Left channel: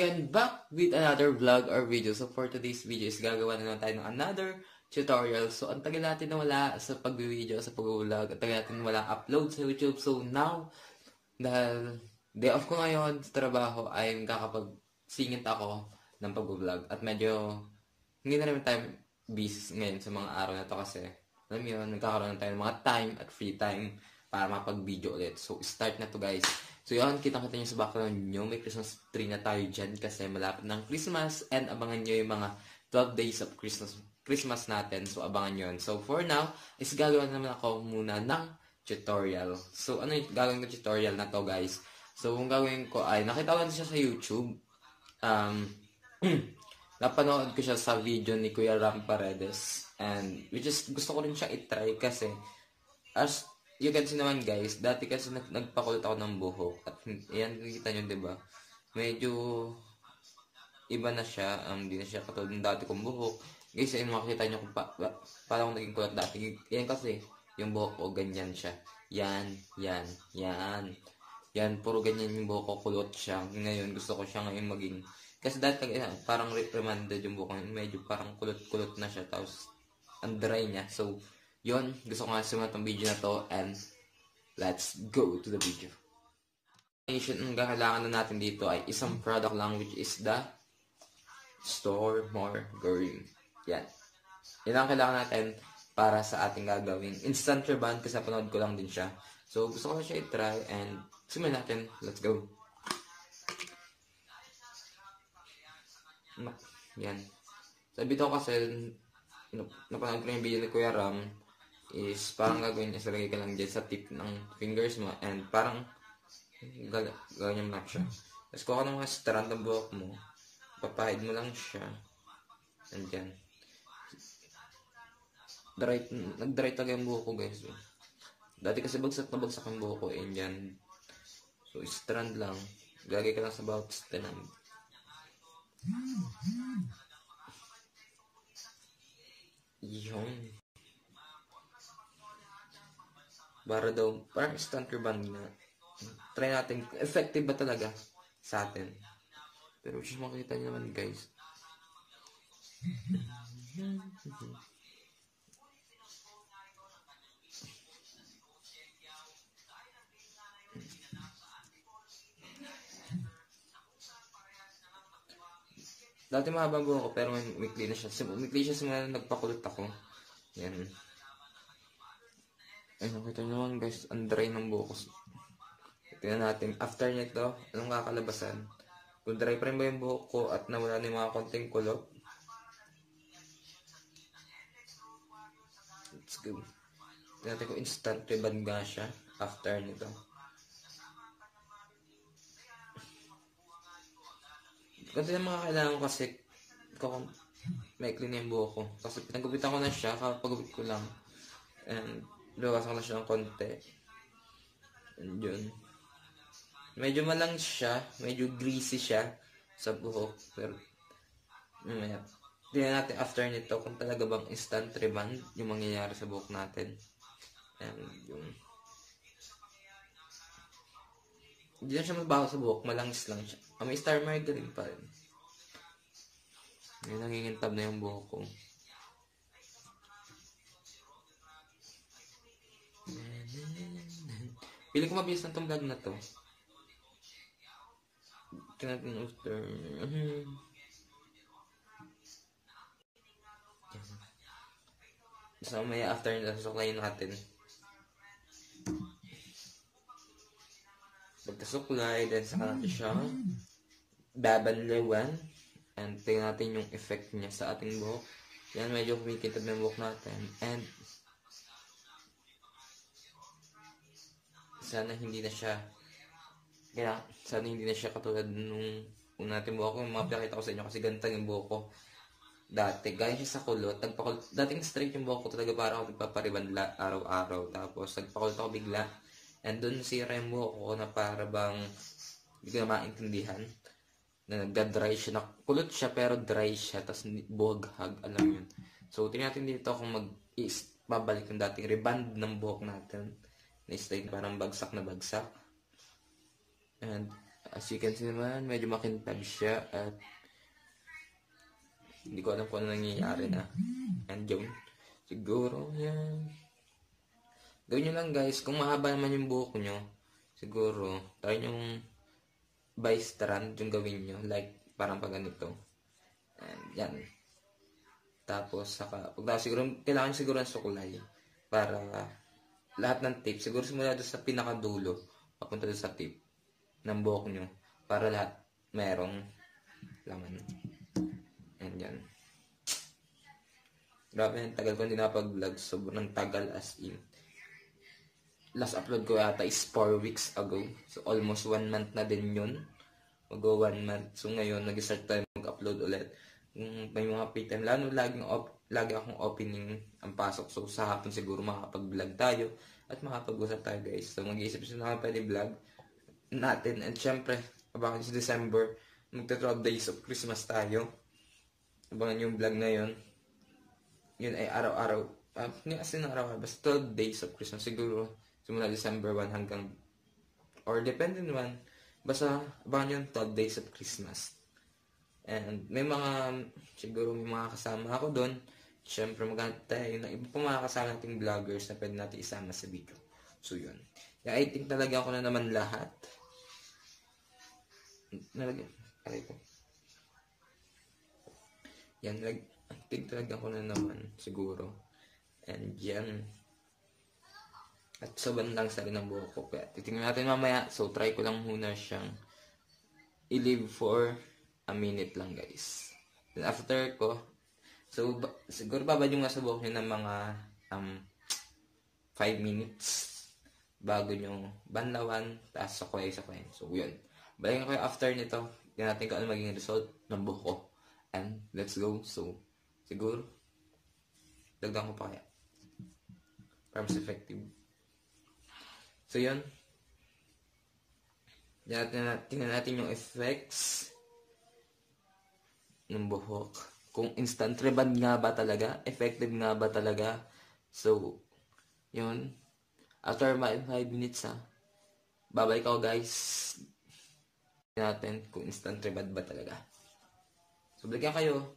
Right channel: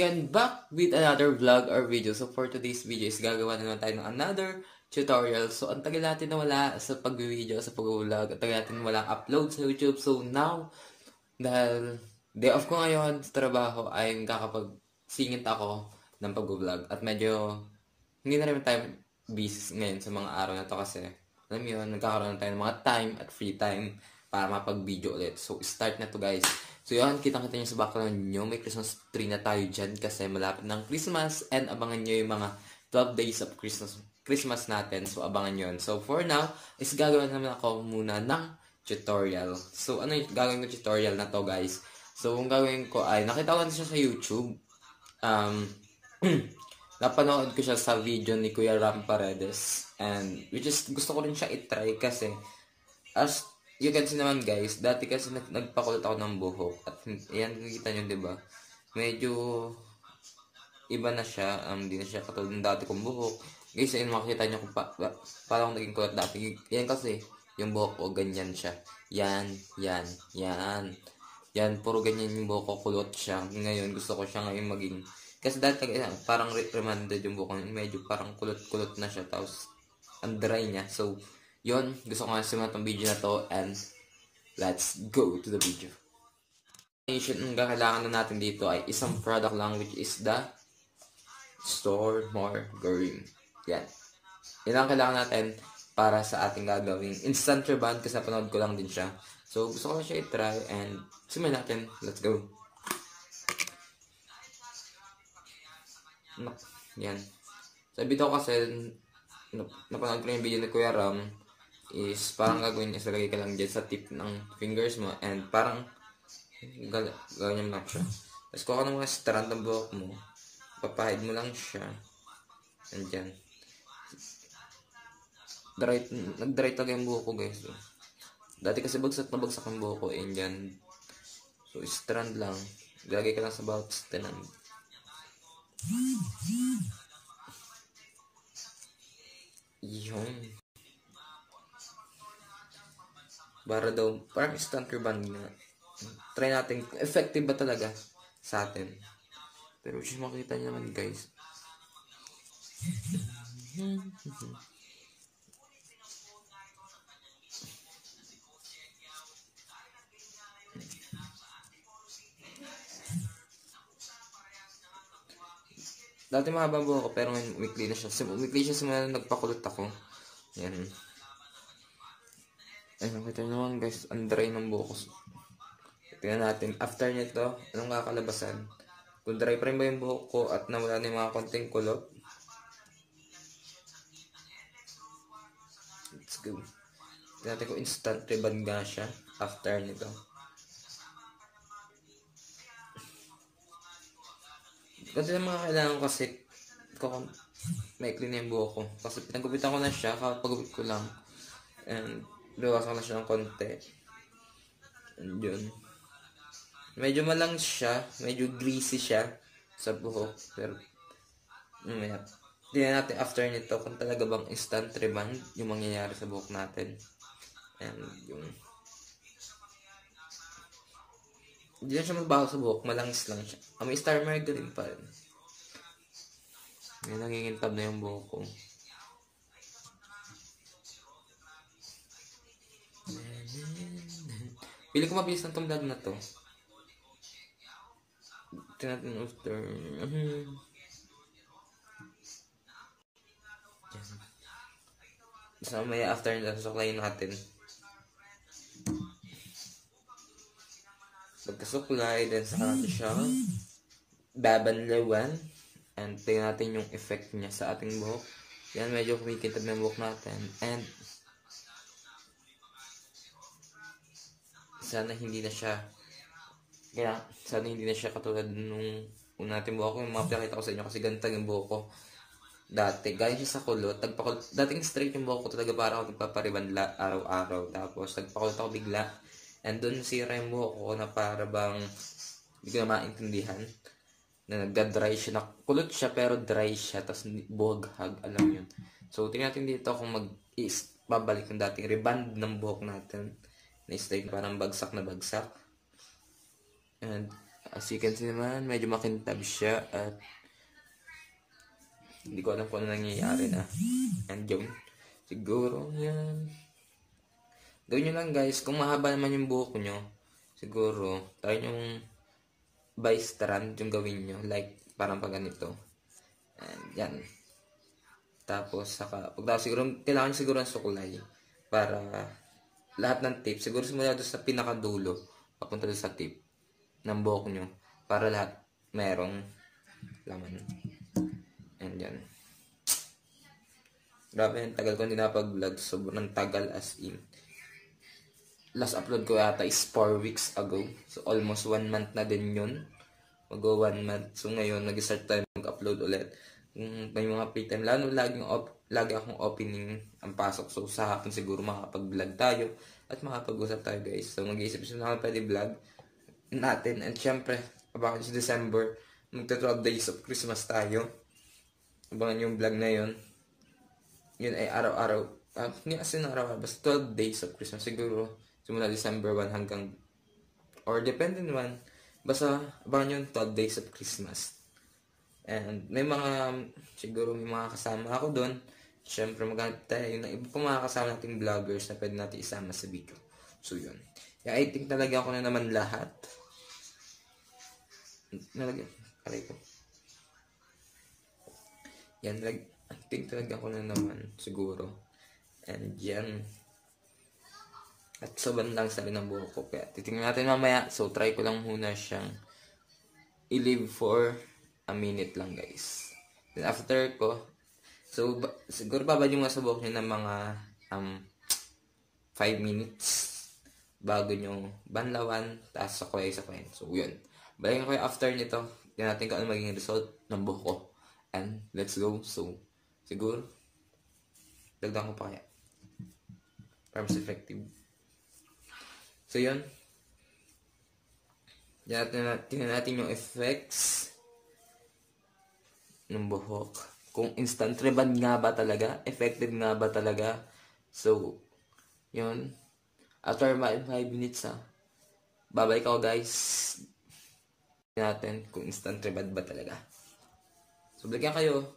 again, back with another vlog or video. So for today's video is gagawa na naman tayo ng another tutorial. So ang tagal natin na wala sa pag-video, sa pag-vlog. Ang tagal natin walang upload sa YouTube. So now, dahil day off ko ngayon sa trabaho ay kakapag-singit ako ng pag-vlog. At medyo hindi na rin tayo busy ngayon sa mga araw na to kasi alam mo yun, nagkakaroon na tayo ng mga time at free time para mapag-video ulit. So start na to guys. So yun, kitang-kita nyo sa background nyo, may Christmas tree na tayo dyan kasi malapit ng Christmas and abangan nyo yung mga 12 days of Christmas natin. So abangan nyo yun. So for now, is gagawin naman ako muna ng tutorial. So ano yung gagawin ko tutorial na to guys? So kung gagawin ko ay, nakita ko na siya sa YouTube. Napanood ko siya sa video ni Kuya Ram Paredes. And which is, gusto ko rin siya itry kasi as you can see naman guys, dati kasi nagpakulot ako ng buhok. At yan, nakikita nyo diba? Medyo iba na siya. Hindi na siya katulad ng dati kong buhok. Guys, yun makikita nyo kung parang naging kulot dati. Yan kasi, yung buhok ko, ganyan siya. Yan. Yan, puro ganyan yung buhok ko, kulot siya. Ngayon, gusto ko siya ngayon maging... Kasi dati, parang reprimanded yung buhok ko. Medyo parang kulot-kulot na siya. Tapos, ang dry niya. So, yun, gusto ko nga simulan itong video na to and let's go to the video. Ang kailangan na natin dito ay isang product lang which is the Store Margarine. Yan. Yan ang kailangan natin para sa ating gagawin. Instant rebond kasi napanood ko lang din siya. So, gusto ko na siya i-try and simulan natin. Let's go. Yan. Sabi ko kasi napanood ko yung video ni Kuya Ram is parang gagawin niya, salagay ka lang dyan sa tip ng fingers mo and parang gawin mo lang siya. Tapos kuha ka ng mga strand ng buhok mo, papahid mo lang siya and dyan nag-dry talaga yung buhok ko guys. So, dati kasi bagsak na bagsak yung buhok ko and dyan, so strand lang, lagay ka lang sa bawat strand. Yun. Para daw, parang instant rebond na. Try natin, effective ba talaga sa atin. Pero siya makita niyo naman guys. Dati mahaba buhok ko pero weekly na siya. Weekly siya simula nagpakulot ako. Yan. Ay, nakita nyo naman guys, ang dry ng buhok ko. Tingnan natin, after nito, anong kakalabasan? Kung dry pa rin ba yung buhok ko at nawala na yung mga konting kulot. Let's go. Tingnan natin kung instant rebond nga siya after nito. Kasi na mga kailangan ko kasi may clean yung buhok ko. Kasi naggupitan ko na siya, kapagupit ko lang. And luwasan na siya ng konti. And yun. Medyo malang siya, medyo greasy siya sa buhok. Pero, mamaya. Tingnan natin after nito kung talaga bang instant rebond yung mangyayari sa buhok natin. And yun. Hindi na siya mabaho sa buhok, malangis lang siya. May Star Margarine pa rin. Ngayon nangingintab na yung buhok ko. Piling ko mabilis na itong vlog na to. Tingnan natin after. So may after nila, susuklayin natin. Pagkasuklay, then saka natin siya babanlawan. And tingnan natin yung effect niya sa ating buhok. Yan, medyo kumikitab yung buhok natin. And sana hindi na siya katulad nung natin buhok ko. Yung mapakita ko sa inyo kasi ganito yung buhok ko dati. Gaya siya sa kulot. Dating straight yung buhok ko talaga para ako nagpapariban araw-araw. Tapos nagpakulot ako bigla. And dun sira yung buhok ko na para bang hindi ko na maintindihan. Na nagda-dry siya. Nakulot siya pero dry siya. Tapos buhaghag. Alam yun. So tingnan natin dito kung babalik yung dating reband ng buhok natin. Na straight parang bagsak na bagsak. And As you can see naman, medyo makintab siya at hindi ko alam kung ano nangyayari na. And yun, siguro yan. Gawin nyo lang guys, kung mahaba naman yung buhok nyo, siguro, try yung by strand yung gawin nyo. Like, parang pag ganito. And yan. Tapos, saka, siguro, kailangan siguro ng sukulay. Para, lahat ng tip, siguro simula doon sa pinakadulo, papunta doon sa tip ng buhok nyo. Para lahat, merong laman. And yan. Grabe, ang tagal ko hindi napag-vlog. Sobrang tagal as in. Last upload ko yata is 4 weeks ago. So, almost 1 month na din yun. Mag-go 1 month. So, ngayon, nag-start tayo mag-upload ulit. May mga free time. Lagi akong opening ang pasok. So, sa hapon siguro makapag-vlog tayo. At makapag-usap tayo guys. So, mag-iisip siya na pwede vlog natin. And syempre, abangan sa December, magta 12 days of Christmas tayo. Abangan yung vlog na yun. Yun ay araw-araw. As in araw-araw. Basta 12 days of Christmas siguro. Simula December 1 hanggang, or depende naman, basta abangan yung 12 days of Christmas. And may mga, siguro may mga kasama ako doon. Siyempre maghanap tayo ng iba pa mga kasama nating vloggers na pwede natin isama sa video. So yun. Yung I think nalagyan ko na naman lahat. Paray ko. Yan, I think nalagyan ko na naman siguro. And yan. At sa bandang sa rin ng buhok ko. Kaya titingnan natin mamaya. So try ko lang muna siyang i-leave for a minute lang guys. Then after ko, so siguro babad yung sa buhok nyo ng mga 5 minutes bago nyo banlawan, tapos sakoy. So yun. Balikan ko yung after nito. Tingnan natin kung ano magiging result ng buhok ko. And let's go. So siguro dagdag ko pa kaya para mas effective. So yun. Tingnan natin yung effects ng buhok. Kung instant rebond nga ba talaga? Effective nga ba talaga? So, yun. After 5 minutes babalik ako guys. Tingnan natin kung instant rebond ba talaga. So, balikan kayo.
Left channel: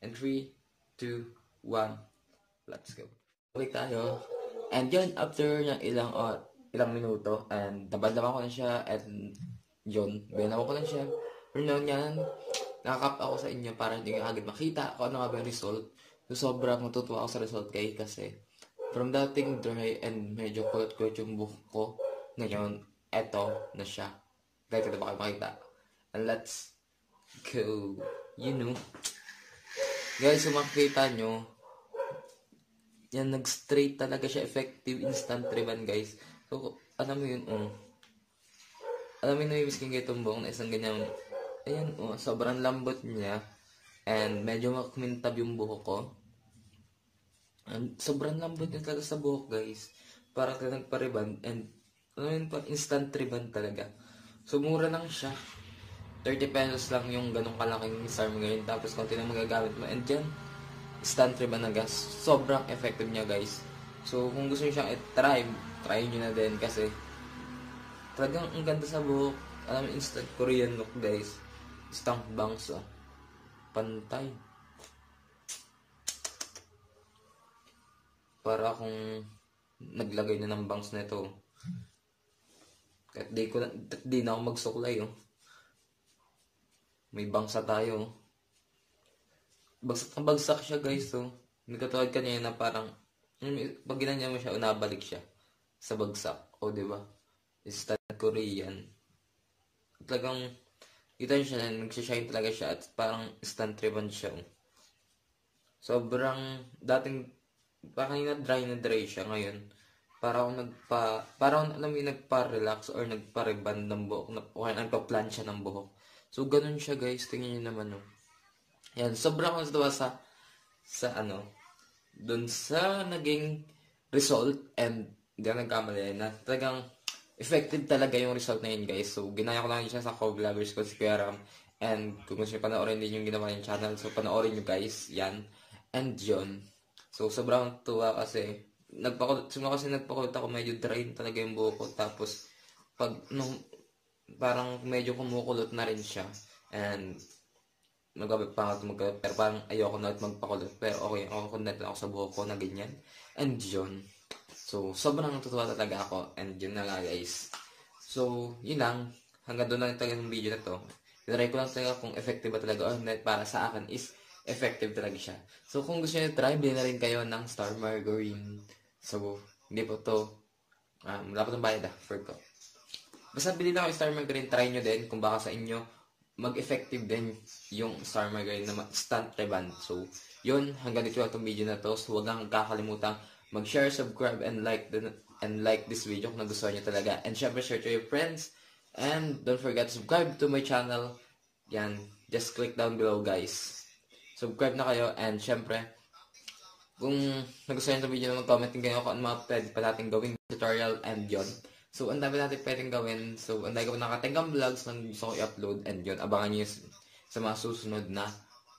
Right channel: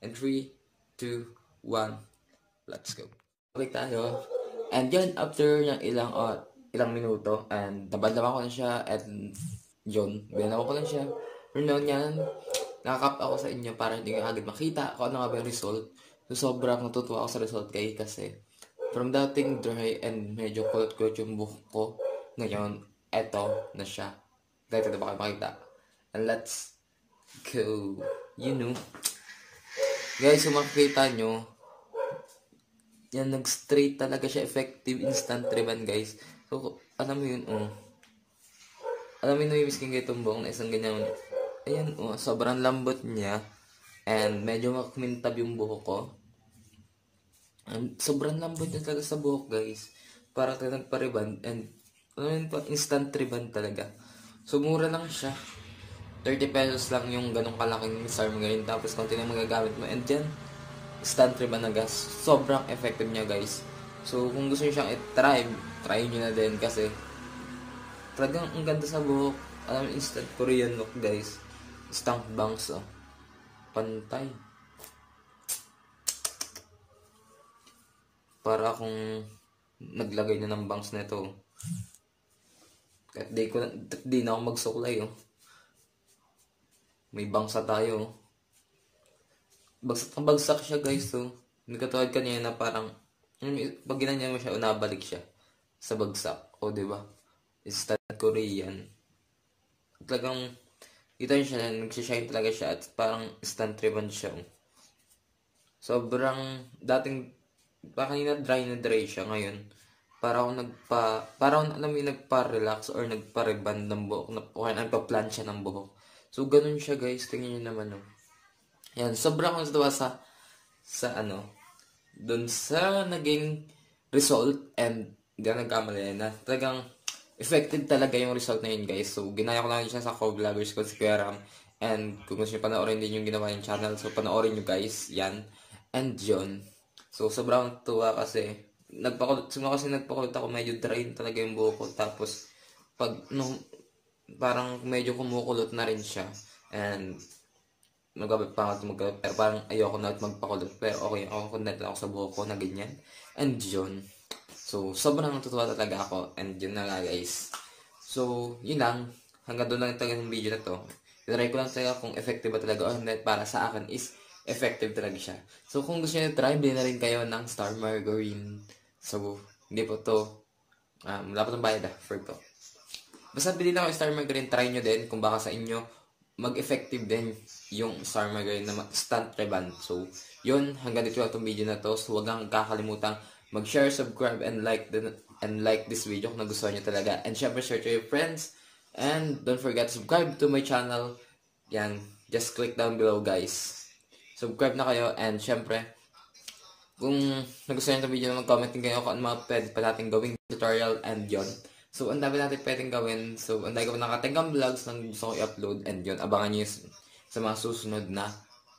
And 3, 2, 1. Let's go. Balik tayo. And yun, after ng ilang minuto, and nabalawa ko na siya, and yun, binawa ko na siya. Pero yan, nakakap ako sa inyo para hindi ka agad makita kung ano nga ba yung result. So, sobrang natutuwa ako sa result kasi from dating dry and medyo kulot-kulot yung buhok ko, ngayon, eto na siya. Dito na ba kayo makita? And let's go. You know. Guys, kung makikita nyo, yan, nag-straight talaga siya, effective instant rebond guys. So, alam mo yun, alam mo yun, namimis kong itong buhok na isang ganyan. Ayun, sobrang lambot niya. And medyo makumintab yung buhok ko. And sobrang lambot niya talaga sa buhok guys. Para talaga nagpa-rebond. And alam mo yun pa, instant rebond talaga. So, mura lang siya. 30 pesos lang yung ganong kalaking SARM ngayon. Tapos, konti na magagamit mo. And dyan, instant rebond na gas. Sobrang effective niya guys. So, kung gusto niyo siyang try nyo na din kasi talagang ang ganda sa buhok. Alam, instant Korean look guys. Stamp bangs pantay. Para akong naglagay na ng bangs na ito. Di na ako magsuklay May bangsa tayo. Bagsak siya guys Hindi katulad kanina na parang pag ginanya mo siya nabalik siya sa bagsak. Diba? Instant Korean. Talagang kita nyo siya, nagsishine talaga siya at parang instant rebond siya. Sobrang dating kanina dry na dry siya ngayon. Parang alam mo yung nagpa-relax or nagpa-rebond ng buhok o nagpa-plancha ng buhok. So ganun siya guys, tingnan nyo naman Yan, sobrang natuwa sa dun sa naging result and hindi na nagkamali na talagang effective talaga yung result na yun guys. So ginaya ko lang siya sa co-vloggers ko si Kuya Ram. And kung gusto nyo panoorin din yung ginawa yung channel, so panoorin nyo guys, yan. And yun. So sobrang tuwa kasi nagpakulot ako, medyo dry talaga yung buhok ko. Tapos pag parang medyo kumukulot na rin siya. And magkabit pa ako magkabit. Pero parang ayoko na at magpakulot. Pero okay, ako connect ako sa buhok ko na ganyan. And yun. So, sobrang natutuwa talaga ako. And yun na nga guys. So, yun lang. Hanggang doon lang talaga yung video na to. Tinry ko lang talaga kung effective ba talaga or not. Para sa akin is effective talaga siya. So, kung gusto nyo try, bilhin na rin kayo ng Star Margarine. So, hindi po to. Wala po itong bayad for to. Basta bilhin ako yung Star Margarine, try nyo din kung baka sa inyo mag-effective din yung Star Margarine na stunt reband. So, yun, hanggang dito lang itong video na to. So, huwag lang kakalimutan mag-share, subscribe, and like this video kung nagustuhan nyo talaga. And syempre, share to your friends. And don't forget to subscribe to my channel. Yan, just click down below guys. Subscribe na kayo. And syempre, kung nagustuhan nyo itong video na mag-comment din kayo kung ano mga pwede pa natin gawing tutorial and yun. So, ang dami natin pwedeng gawin. So, ang dami ko nakatinggang vlogs na gusto ko i-upload and yun. Abangan nyo sa mga susunod na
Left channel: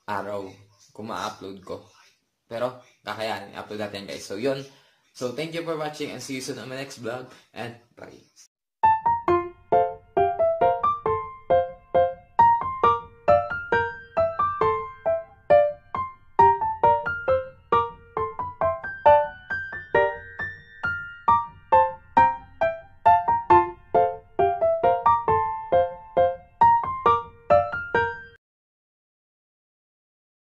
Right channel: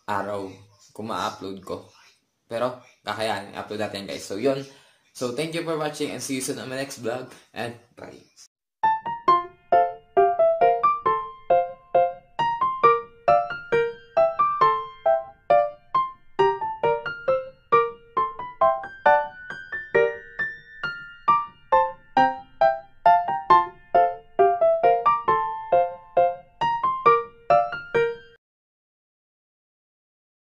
araw kung ma-upload ko. Pero, kakayanin. I-upload natin guys. So, yun. So, thank you for watching and see you soon on my next vlog. And bye.